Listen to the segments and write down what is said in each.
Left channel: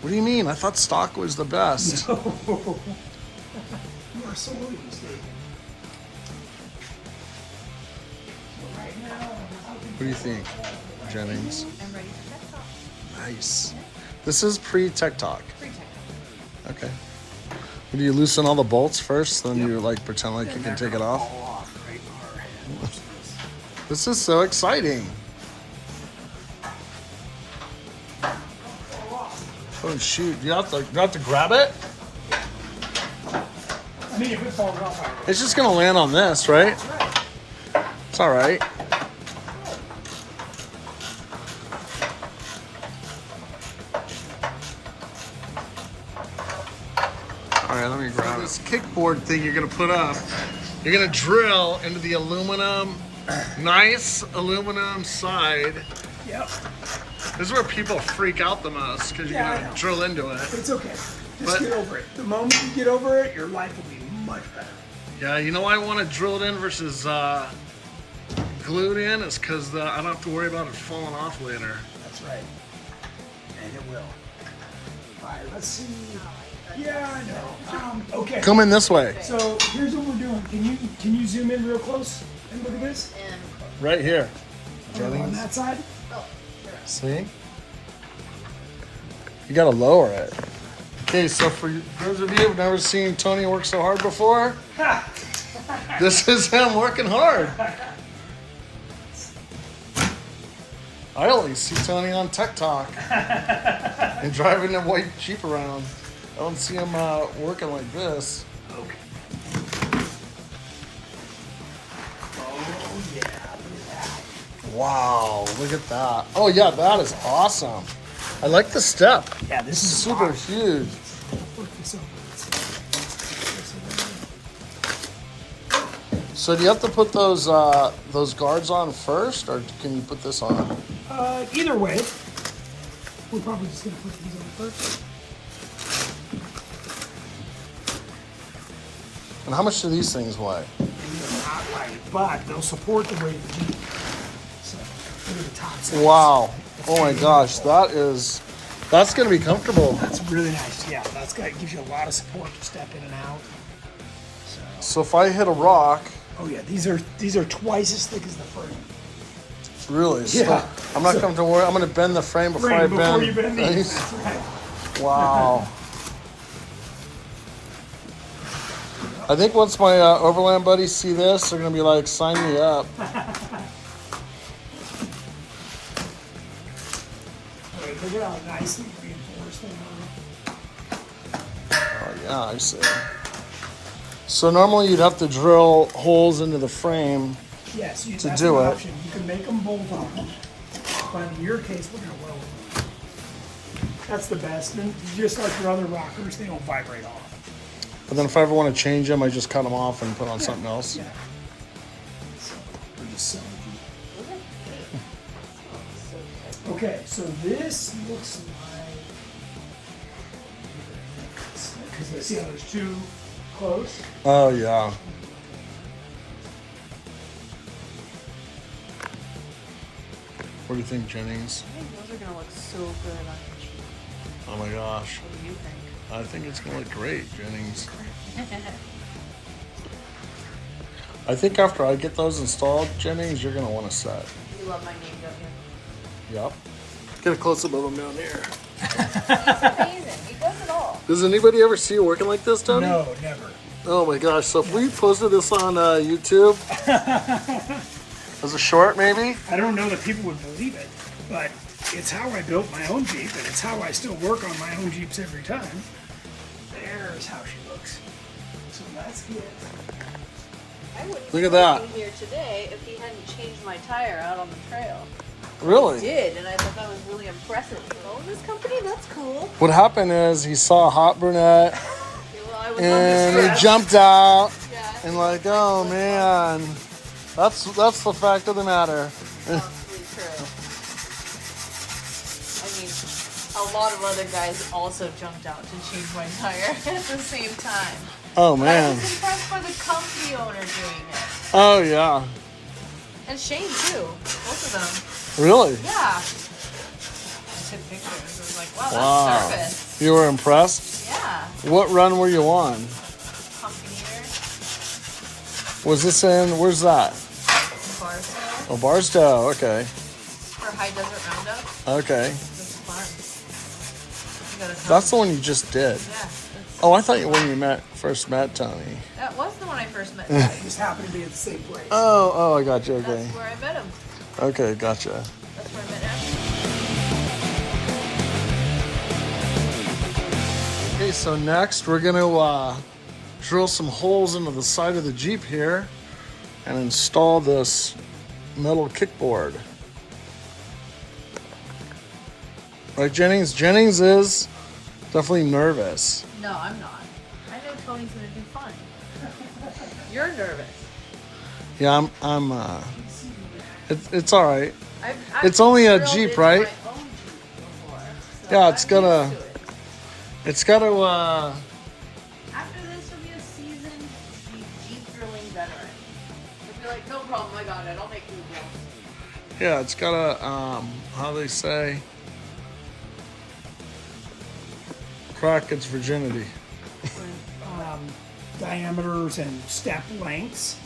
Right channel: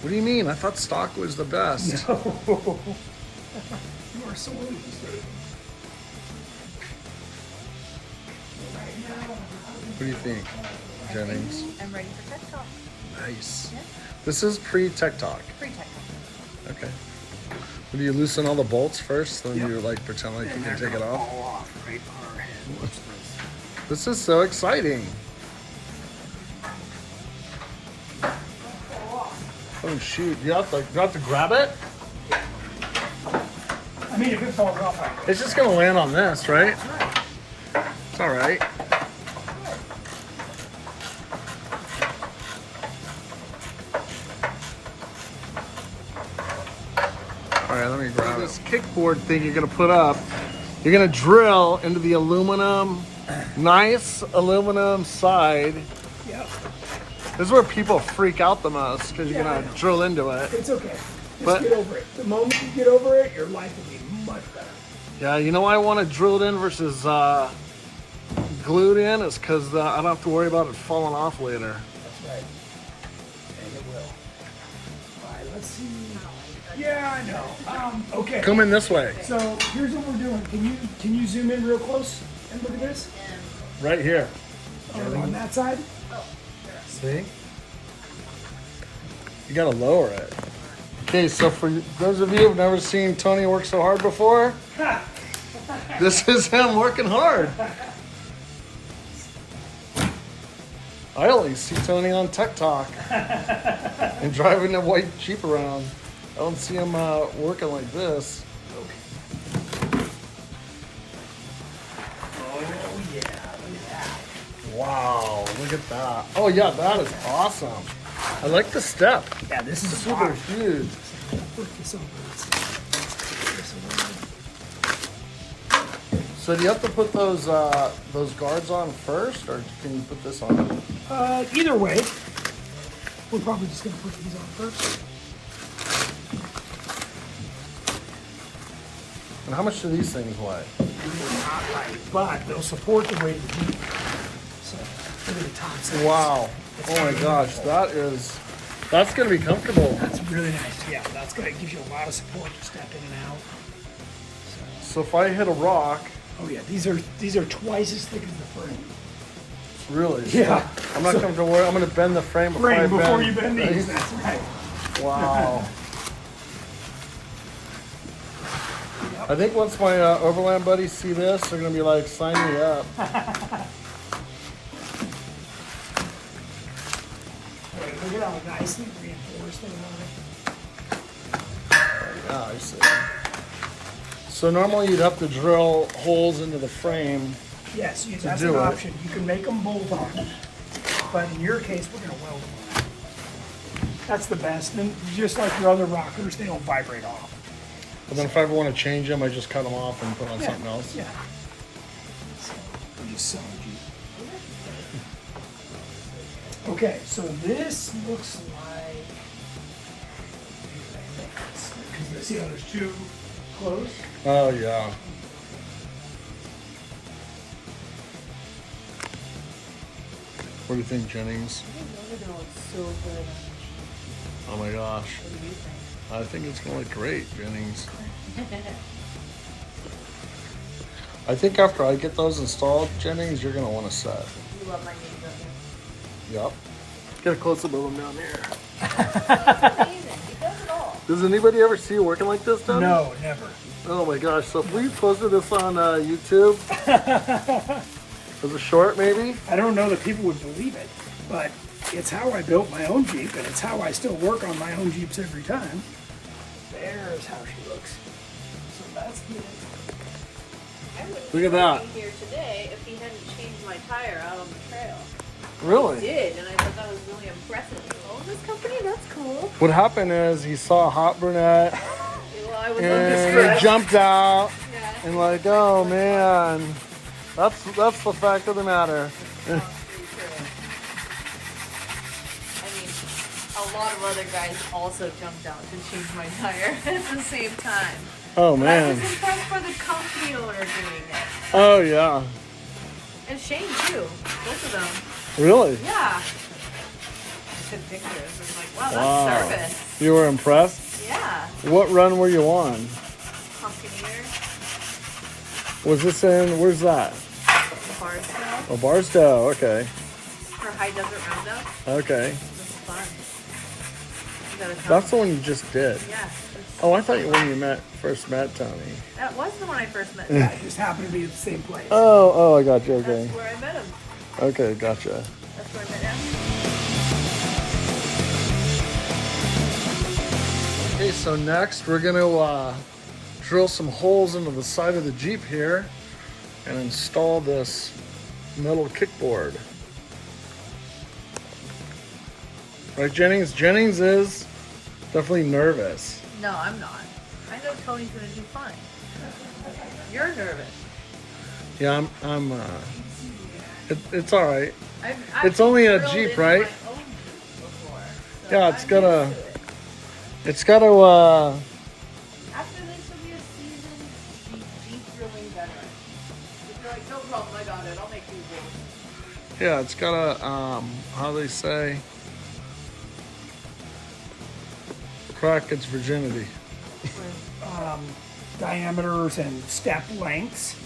What do you mean? I thought stock was the best. No. You are so rude, Steve. What do you think, Jennings? I'm ready for TechTalk. Nice. Yeah. This is pre-TechTalk. Pre-TechTalk. Okay. Do you loosen all the bolts first, then Yep. you like pretend like you can take it off? Fall off right on our head. Watch this. This is so exciting. Oh shoot! You have to grab it. I mean, if it falls off, I will. It's just gonna land on this, right? It's all right. All right, let me grab this kickboard thing you're gonna put up. You're gonna drill into the aluminum, nice aluminum side. Yep. This is where people freak out the most because you're Yeah, I gonna know. drill into it. It's okay. Just But- get over it. The moment you get over it, your life will be much better. Yeah, you know why I want to drill it in versus glued in is because I don't have to worry about it falling off later. That's right. And it will. All right, let's see. Yeah, I know. Okay. Come in this way, So here's what we're doing. Can you zoom in real close and look at this? right here. On that side? See? You gotta lower it. Okay, so for those of you who've never seen Tony work so hard before, this is him working hard. I only see Tony on TechTalk and driving a white Jeep around. I don't see him working like this. Okay. Oh yeah, look at that. Wow, look at that. Oh yeah, that is awesome. I like the step. Yeah, this is Super box. huge. Work this over. This away. So do you have to put those guards on first, or can you put this on? Either way, we're probably just gonna put these on first. And how much do these things weigh? Not right, but they'll support the weight of the Jeep. So look at the top side. Wow. Oh my gosh, that's gonna be comfortable. That's really nice. Yeah, that's gonna give you a lot of support to step in and out. So if I hit a rock, Oh yeah, these are twice as thick as the frame. really, Yeah. I'm not going to worry. I'm going to bend the frame before I bend. you bend these. That's right. Wow. I think once my Overland buddies see this, they're going to be like, sign me up. Look at how nicely reinforced they are. Oh, yeah, I see. So normally you'd have to drill holes into the frame. Yes, that's do an it. option. You can make them bolt on, but in your case, we're gonna weld them. That's the best. And just like your other rockers, they don't vibrate off. But then if I ever want to change them, I just cut them off and put on something else. Yeah. You son of a- Okay, so this looks like because see how there's two close. Oh, yeah. What do you think, Jennings? I think those are gonna look so good on the Jeep. Oh my gosh. What do you think? I think it's going to look great, Jennings. I think after I get those installed, Jennings, you're going to want to set. You love my name, don't you? Yep. Get a close-up of them down here. It's amazing. He does it all. Does anybody ever see you working like this, Tony? No, never. Oh my gosh. So if we posted this on YouTube as a short, maybe? I don't know that people would believe it, but it's how I built my own Jeep, and it's how I still work on my own Jeeps every time. There's how she looks. So that's good. I wouldn't Look at be that. working here today if he hadn't changed my tire out on the trail. Really? He did, and I thought that was really impressive. Oh, this company, that's cool. What happened is he saw a hot brunette Well, I was and he undistressed. jumped out Yeah. and like, oh man, that's the fact of the matter. I mean, a lot of other guys also jumped out to change my tire at the same time. Oh I man. was impressed for the company owner doing it. Oh yeah. And Shane too. Both of them. Really? Yeah. took pictures. I was like, wow, Wow. that's service. You were impressed? Yeah. What run were you on? Buccaneer, Was this in, where's that? Barstow, Oh, Barstow, okay. for High Desert Roundup. Okay. It was fun. You gotta tell That's the me. one you just did. Yeah. Oh, I thought when you first met Tony. That was the one I first met. It just happened to be at the same place. Oh, I got you, okay. That's where I met him. Okay, gotcha. That's where I met him. Okay, so next we're gonna drill some holes into the side of the Jeep here and install this metal kickboard. Right, Jennings? Jennings is definitely nervous. No, I'm not. I know Tony's gonna do fine. You're nervous. Yeah, it's all right. I've It's only a drilled Jeep, into right? my own Jeep before, so Yeah, I'm it's gotta- used to it. It's got to, After this will be a seasoned Jeep drilling veteran. If you're like, no problem, I got it. I'll make you a yeah, it's got to, how they say, crack its virginity. Diameters and step lengths.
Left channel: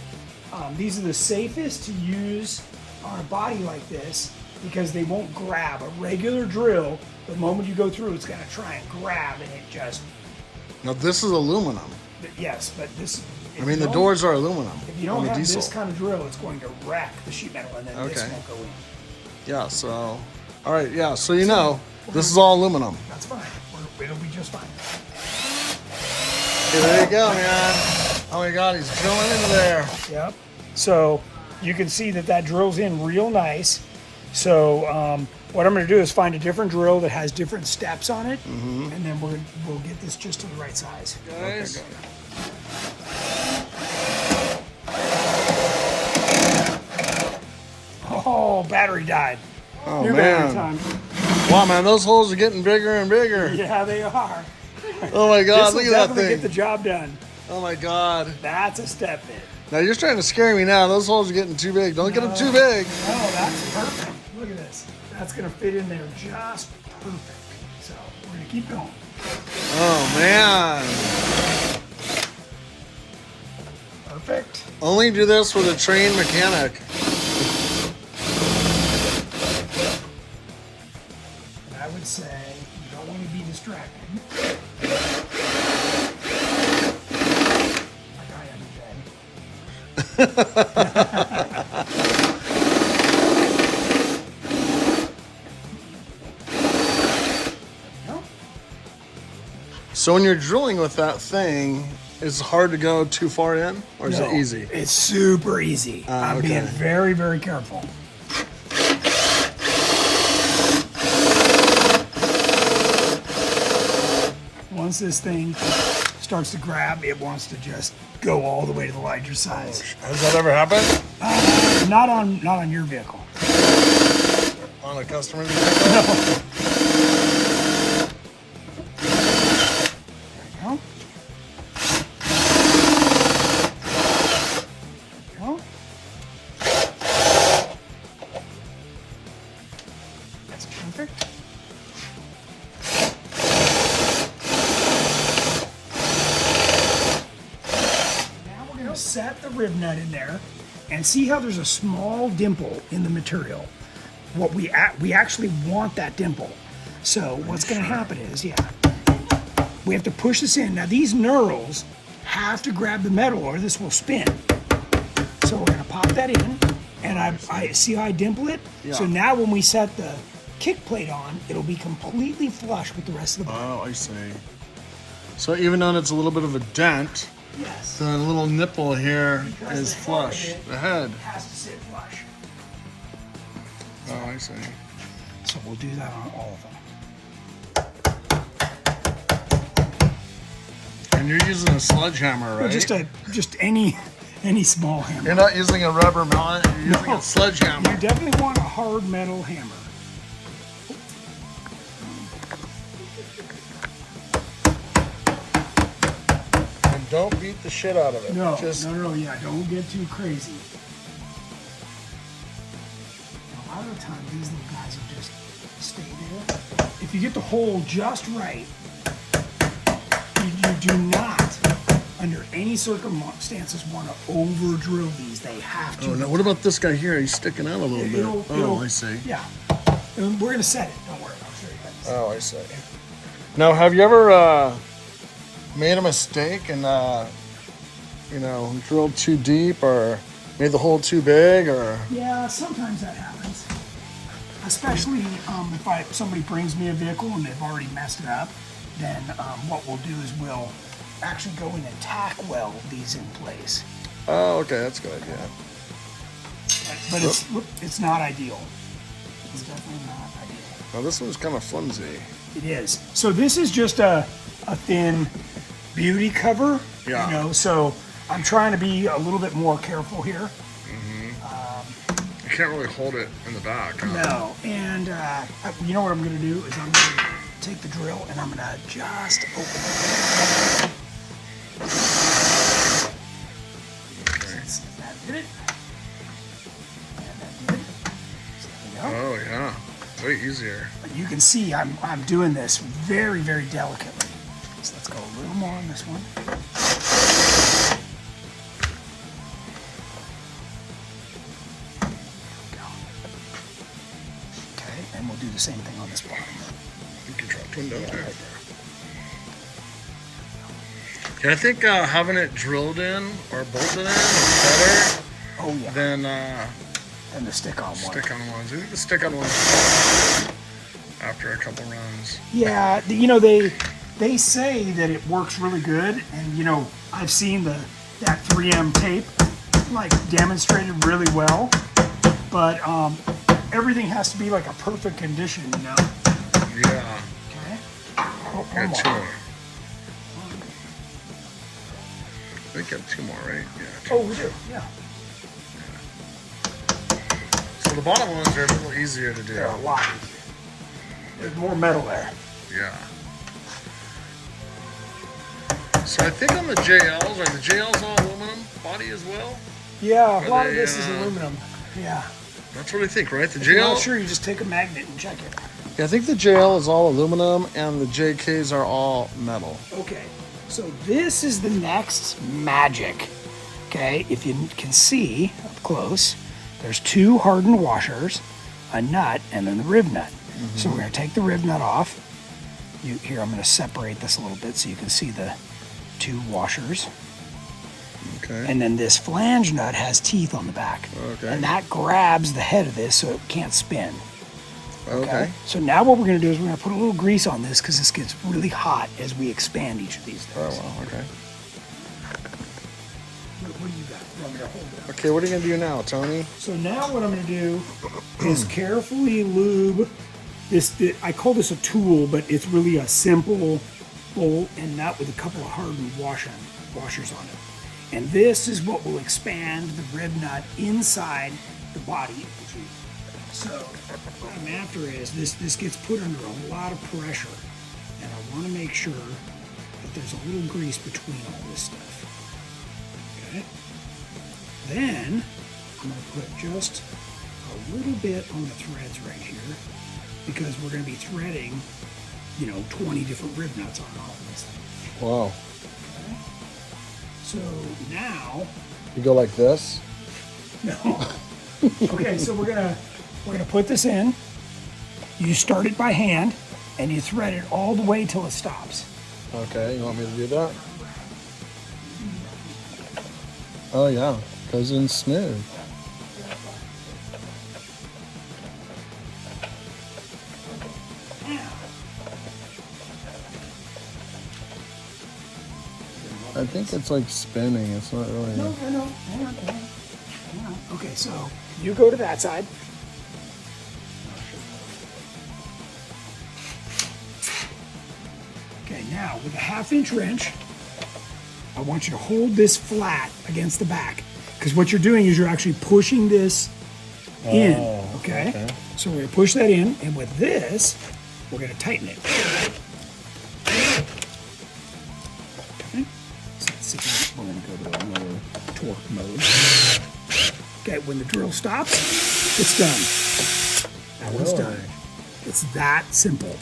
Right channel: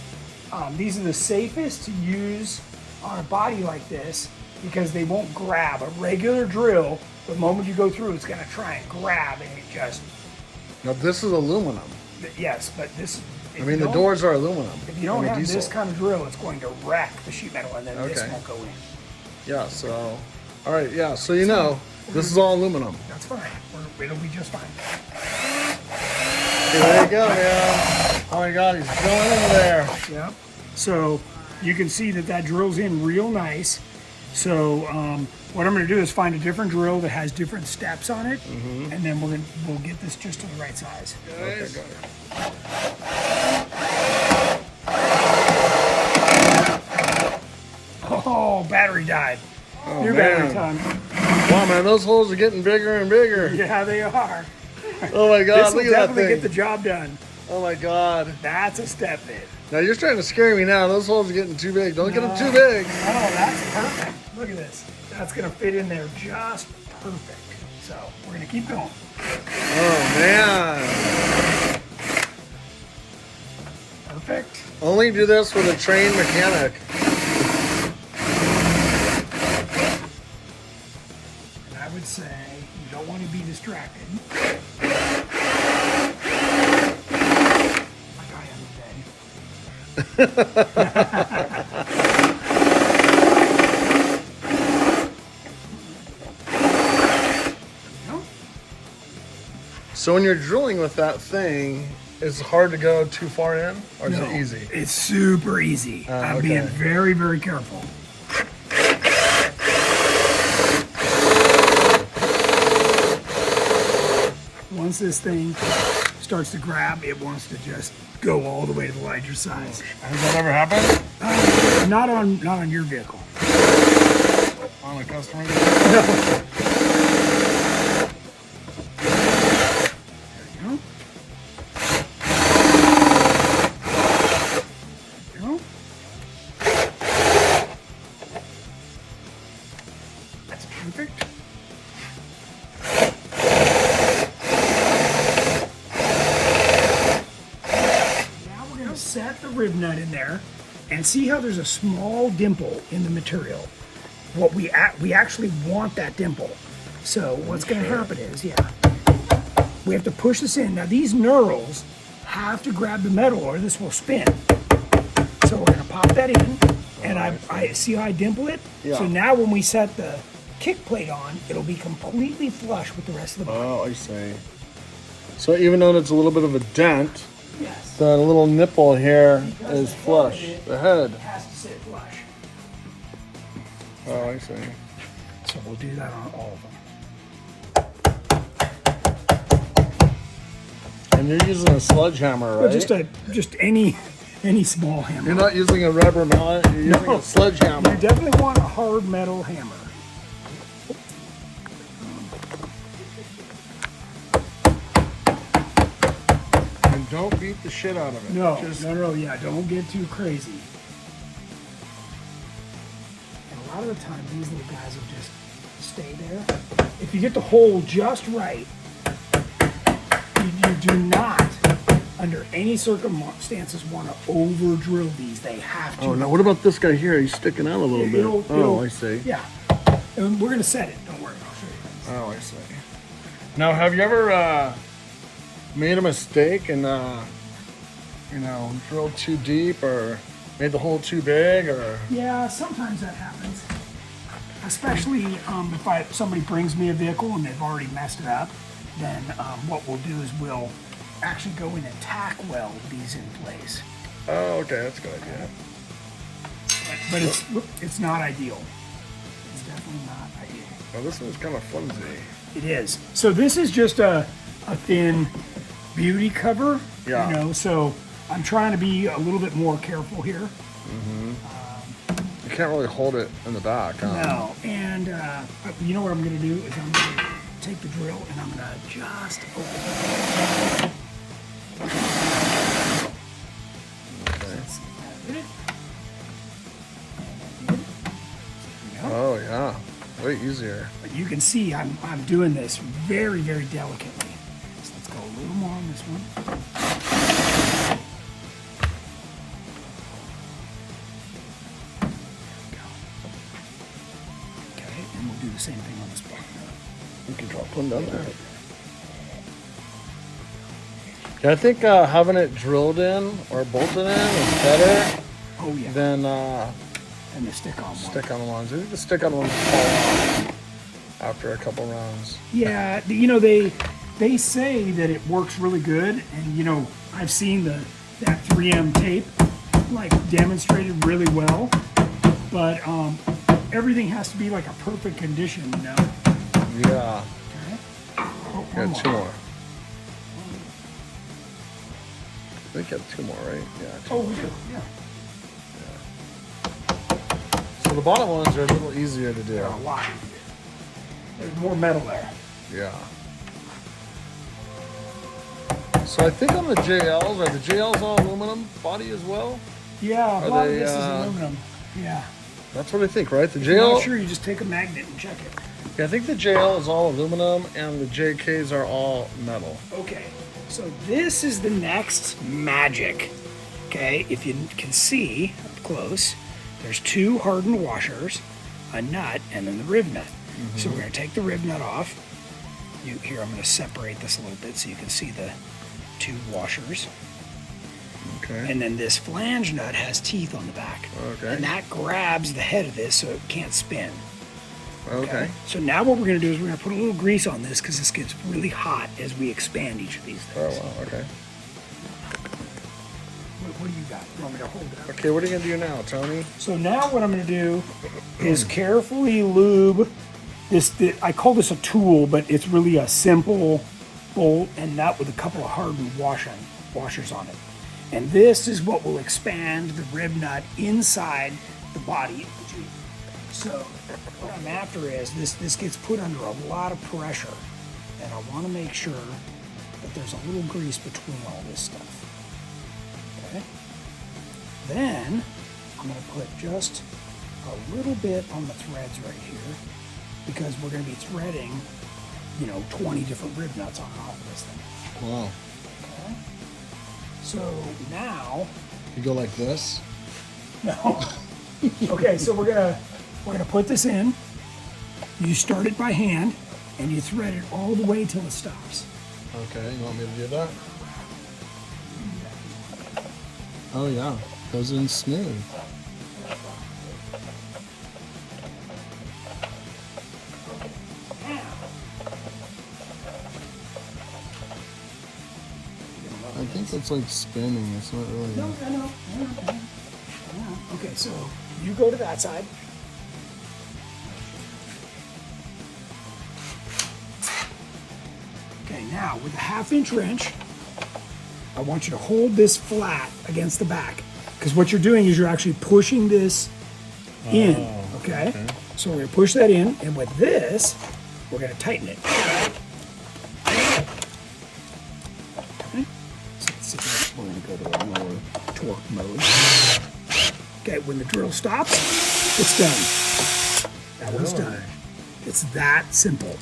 These are the safest to use on a body like this because they won't grab. A regular drill, the moment you go through, it's going to try and grab, and it just, Now, this is aluminum. yes, but this, I mean, the doors are aluminum. if you don't on the have diesel. this kind of drill, it's going to wreck the sheet metal, and then this Okay. won't go in. Yeah, so, all right, yeah, so you know, this is all aluminum. That's fine. It'll be just fine. Okay, there you go, man. Oh my God, he's drilling into there. Yep. So you can see that drills in real nice. So what I'm going to do is find a different drill that has different steps on it, and then we'll get this just to the right size. Okay, got it. Oh, battery died. Oh, New battery man. time. Wow, man, those holes are getting bigger and bigger. Yeah, they are. Oh my God, This will look at that definitely thing. get the job done. Oh my God. That's a step bit. Now you're trying to scare me now. Those holes are getting too big. Don't get them too big. Oh, that's perfect. Look at this. That's going to fit in there just perfect. So we're going to keep going. Oh man. Perfect. Only do this with a trained mechanic. I would say you don't want to be distracted. Like I am today. No? So when you're drilling with that thing, is it hard to go too far in, or is it No, easy? It's super easy. I'm okay. being very, very careful. Once this thing starts to grab, it wants to just go all the way to the larger size. Has that ever happened Not on your vehicle. on a customer? No. That's perfect. Now we're going to set the rib nut in there and see how there's a small dimple in the material. What we actually want that dimple. So what's going to happen is, we have to push this in. Now these knurls have to grab the metal or this will spin. So we're going to pop that in, and I see how I dimple it. Yeah. So now when we set the kick plate on, it'll be completely flush with the rest of the body. Oh, I see. So even though it's a little bit of a dent, Yes. the little nipple here Because is the head flush. of it The head. has to sit flush. Oh, I see. So we'll do that on all of them. And you're using a sledgehammer, Or right? just any small hammer. You're not using a rubber mallet. You're using No. a sledgehammer. You definitely want a hard metal hammer. And don't beat the shit out of it. No, Just, no, yeah, don't get too crazy. And a lot of the time, these little guys will just stay there. If you get the hole just right, you do not, under any circumstances, want to over drill these. They have to. Oh, now what about this guy here? He's sticking out a little bit. Oh, I see. Yeah. And we're going to set it. Don't worry. I'll show you guys. Oh, I see. Now, have you ever made a mistake and, drilled too deep or made the hole too big or? Yeah, sometimes that happens. Especially if somebody brings me a vehicle and they've already messed it up, then what we'll do is we'll actually go in and tack weld these in place. Oh, okay, that's a good idea. But it's not ideal. It's definitely not ideal. Well, this one's kind of flimsy. It is. So this is just a thin beauty cover. Yeah. You know, so I'm trying to be a little bit more careful here. You can't really hold it in the back, huh? No, and you know what I'm going to do is I'm going to take the drill and I'm going to just open it. Okay. That did it. And that did it. So there we go. Oh, yeah. Way easier. You can see I'm doing this very, very delicately. So let's go a little more on this one. Okay, and we'll do the same thing on this bottom. You can drop one down there. Yeah, I think having it drilled in or bolted in is better Oh yeah, than and the stick-on one. stick-on ones. I think the stick-on ones fall off after a couple runs. Yeah, you know they say that it works really good, and you know I've seen that 3M tape like demonstrated really well, but everything has to be like a perfect condition, you know. Yeah. Okay. Oh, Got one two more. more. I think you have two more, right? Yeah. Two Oh, more. we do. Yeah. So the bottom ones are a little easier to do. They're a lot easier. There's more metal there. Yeah. So I think on the JLs, are the JLs all aluminum body as well? Yeah, a lot of they, this is aluminum. Yeah. That's what I think, right? The If you're JL, not sure, you just take a magnet and check it. yeah, I think the JL is all aluminum and the JKs are all metal. Okay, so this is the next magic. Okay, if you can see up close, there's two hardened washers, a nut, and then the rib nut. So we're going to take the rib nut off. Here, I'm going to separate this a little bit so you can see the two washers. Okay. And then this flange nut has teeth on the back. Okay. And that grabs the head of this so it can't spin. Okay. So now what we're going to do is we're going to put a little grease on this because this gets really hot as we expand each of these Oh, things. wow. Okay. What do you got? You want me to hold it? Okay, what are you going to do now, Tony? So now what I'm going to do is carefully lube this. I call this a tool, but it's really a simple bolt and nut with a couple of hardened washers on it. And this is what will expand the rib nut inside the body of the Jeep. So what I'm after is this gets put under a lot of pressure, and I want to make sure that there's a little grease between all this stuff. Okay. Then I'm going to put just a little bit on the threads right here because we're going to be threading, 20 different rib nuts on and off of this thing. Wow. Okay. So now, You go like this? no. Okay, so we're gonna put this in. You start it by hand, and you thread it all the way till it stops. Okay, you want me to do that? Oh, yeah. Goes in smooth. I think it's like spinning. It's not really. No. Okay, so you go to that side. Okay, now with a 1/2-inch wrench, I want you to hold this flat against the back. Because what you're doing is you're actually pushing this in. Okay? So we're going to push that in, and with this, we're going to tighten it. Okay? So let's see, we're going to go to a lower torque mode. Okay, when the drill stops, it's done. That one's done. It's that simple.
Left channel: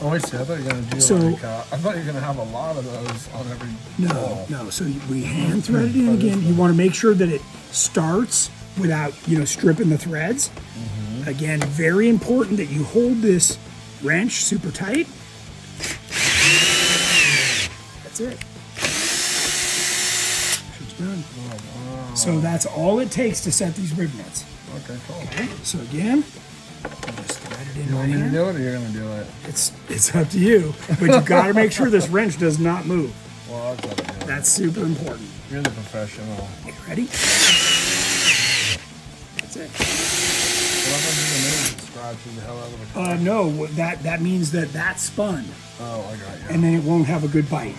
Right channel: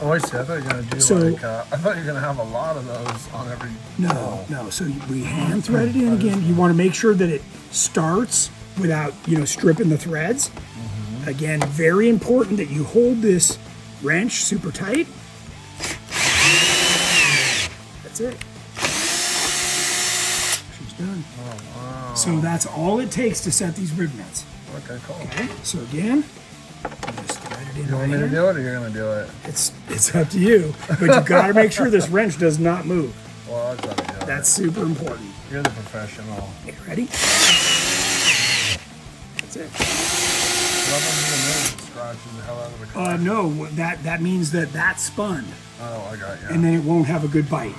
Oh, I see. I thought you were going to do I thought you were going to have a lot of those on every... No. So we hand thread it in again. You want to make sure that it starts without, stripping the threads. Again, very important that you hold this wrench super tight. That's it. She's done. Oh, wow. So that's all it takes to set these rib nuts. Okay, cool. Okay, so again, just thread it in You right want me to here. do it or you're going to do it? It's up to you, but you got to make sure this wrench does not move. Well, I'll tell you. That's super important. You're the professional. Okay, ready? That's it. Scratches the hell out of the car. No, that means that spun, Oh, I got you. and then it won't have a good bite.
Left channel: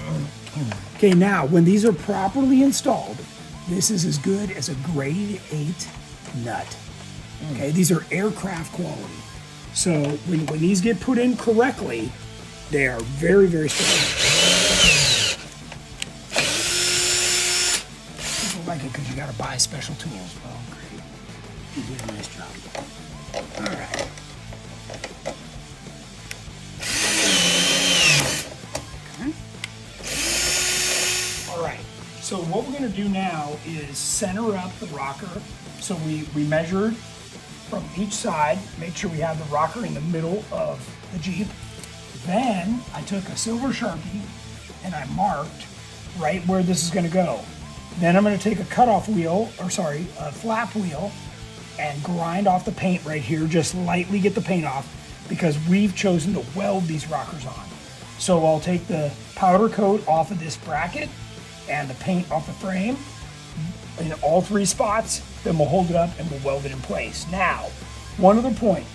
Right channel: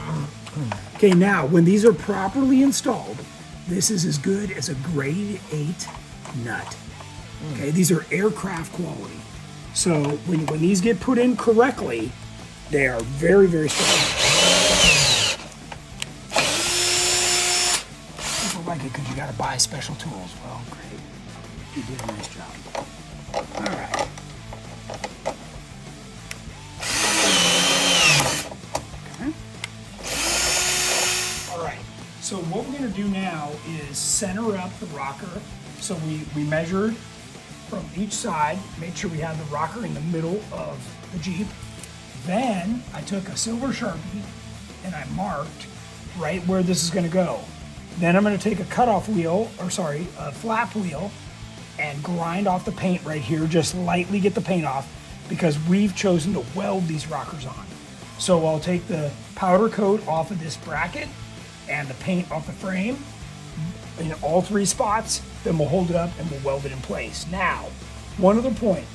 Okay, now when these are properly installed, this is as good as a grade 8 nut. Okay, these are aircraft quality. So when these get put in correctly, they are very, very strong. People like it because you got to buy special tools. Well, great. You did a nice job. All right. Okay. All right. So what we're going to do now is center up the rocker. So we measured from each side, make sure we have the rocker in the middle of the Jeep. Then I took a silver Sharpie and I marked right where this is going to go. Then I'm going to take a cutoff wheel, a flap wheel, and grind off the paint right here. Just lightly get the paint off because we've chosen to weld these rockers on. So I'll take the powder coat off of this bracket and the paint off the frame in all 3 spots. Then we'll hold it up and we'll weld it in place. Now, one other point.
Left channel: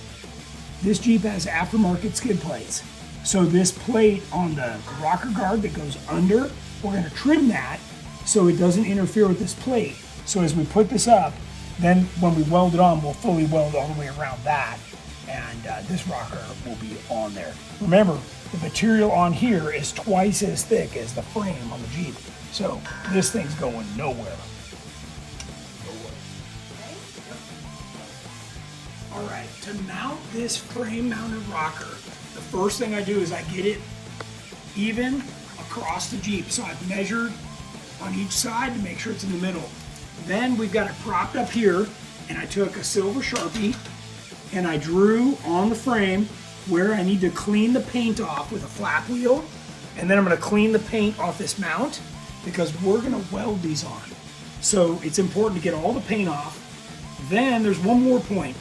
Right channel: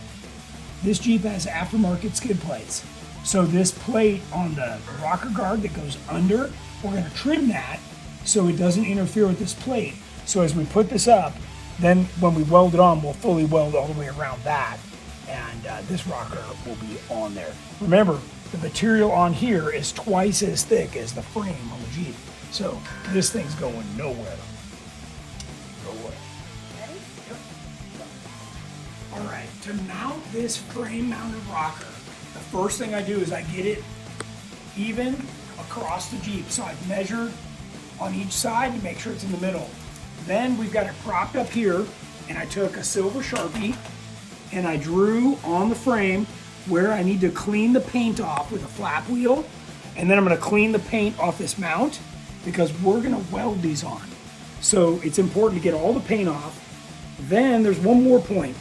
This Jeep has aftermarket skid plates. So this plate on the rocker guard that goes under, we're going to trim that so it doesn't interfere with this plate. So as we put this up, then when we weld it on, we'll fully weld all the way around that. And this rocker will be on there. Remember, the material on here is twice as thick as the frame on the Jeep. So this thing's going nowhere. All right, to mount this frame-mounted rocker, the first thing I do is I get it even across the Jeep. So I've measured on each side to make sure it's in the middle. Then we've got it propped up here, and I took a silver Sharpie and I drew on the frame where I need to clean the paint off with a flap wheel. And then I'm gonna clean the paint off this mount because we're gonna weld these on. So it's important to get all the paint off. Then there's one more point.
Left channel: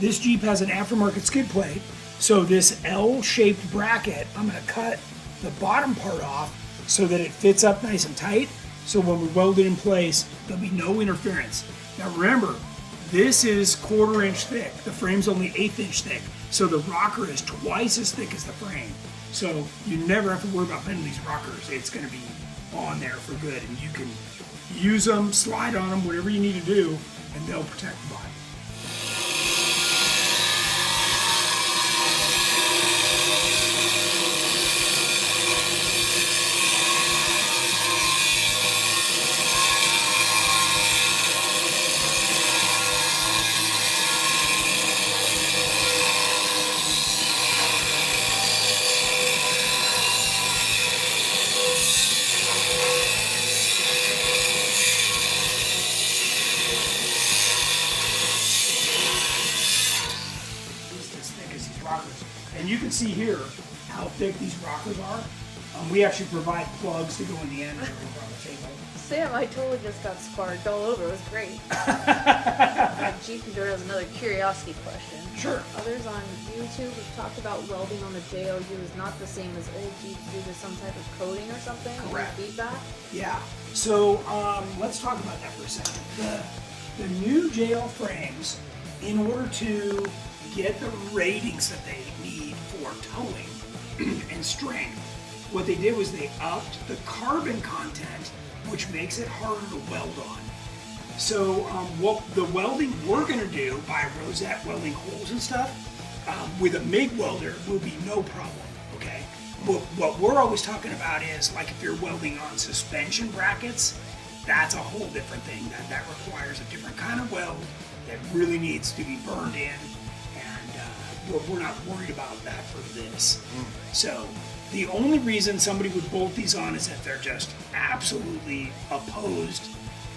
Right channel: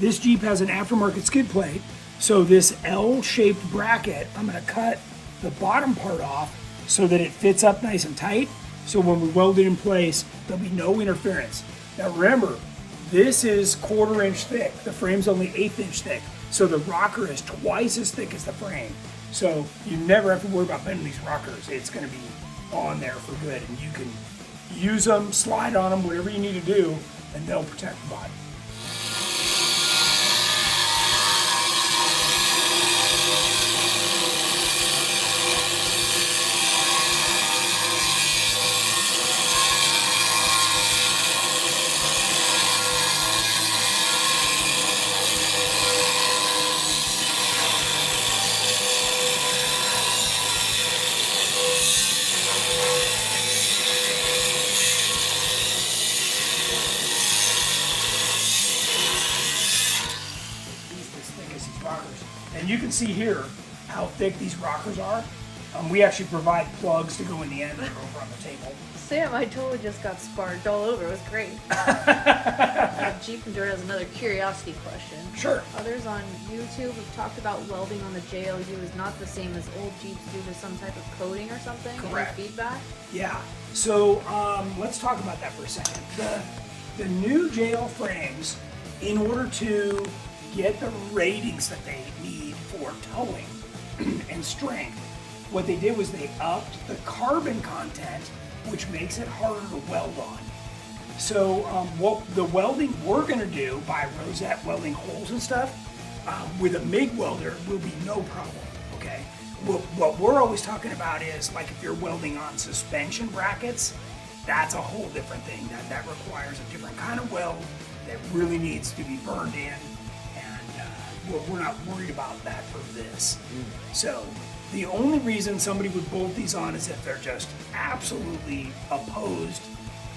This Jeep has an aftermarket skid plate, so this L-shaped bracket, I'm going to cut the bottom part off so that it fits up nice and tight, so when we weld it in place, there'll be no interference. Now remember, this is 1/4 inch thick. The frame's only 1/8 inch thick, so the rocker is twice as thick as the frame. So you never have to worry about bending these rockers. It's going to be on there for good, and you can use them, slide on them, whatever you need to do, and they'll protect the body. And you can see here how thick these rockers are. We actually provide plugs to go in the end and over on the table. Sam, I totally just got sparked all over. It was great. Jeep Enduro has another curiosity question. Sure. Others on YouTube have talked about welding on the JLU is not the same as old Jeeps due to some type of coating or something. Correct. Any feedback? Yeah. So let's talk about that for a second. The new JL frames, in order to get the ratings that they need for towing and strength, what they did was they upped the carbon content, which makes it harder to weld on. So what the welding we're going to do by rosette welding holes and stuff with a MIG welder will be no problem. Okay. What we're always talking about is like if you're welding on suspension brackets, that's a whole different thing. That requires a different kind of weld that really needs to be burned in. And we're not worried about that for this. So the only reason somebody would bolt these on is if they're just absolutely opposed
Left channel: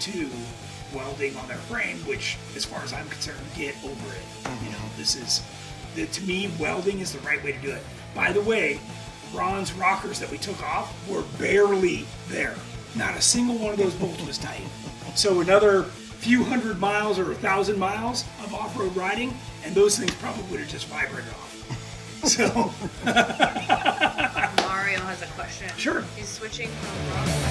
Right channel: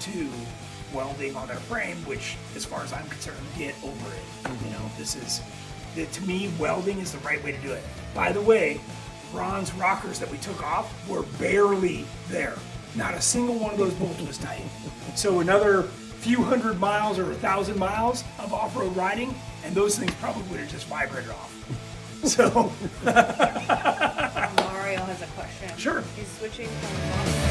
to welding on their frame, which, as far as I'm concerned, get over it. You know, this is, to me, welding is the right way to do it. By the way, Ron's rockers that we took off were barely there. Not a single one of those bolts was tight. So another few hundred miles or 1,000 miles of off-road riding, and those things probably would have just vibrated off. So, Mario has a question. Sure. He's switching from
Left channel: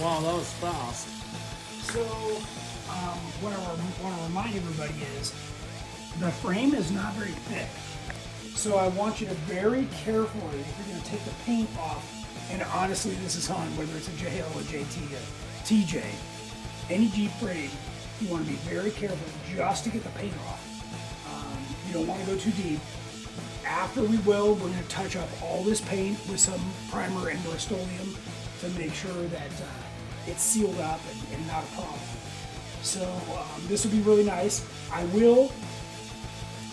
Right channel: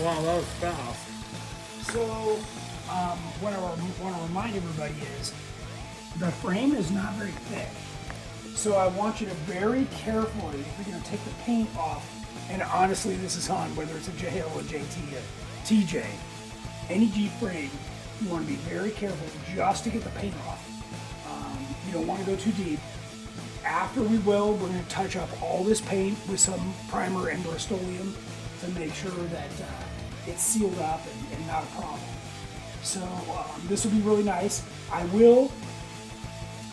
Wow, that was fast. So, what I want to remind everybody is the frame is not very thick. So I want you to very carefully, if you're going to take the paint off, and honestly, this is on whether it's a JL, a JT, a TJ, any Jeep frame, you want to be very careful just to get the paint off. You don't want to go too deep. After we weld, we're going to touch up all this paint with some primer and Rust-Oleum to make sure that it's sealed up and not a problem. So this will be really nice. I will,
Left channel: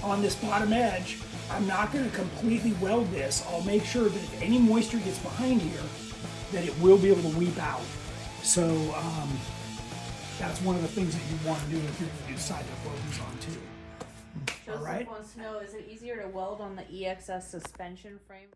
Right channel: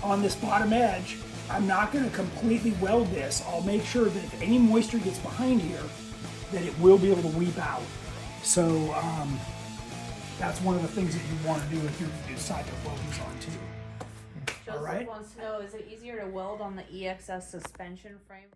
on this bottom edge, I'm not going to completely weld this. I'll make sure that if any moisture gets behind here, that it will be able to weep out. So that's one of the things that you want to do if you decide to weld these on too. All right. Joseph wants to know, is it easier to weld on the EXS suspension frame?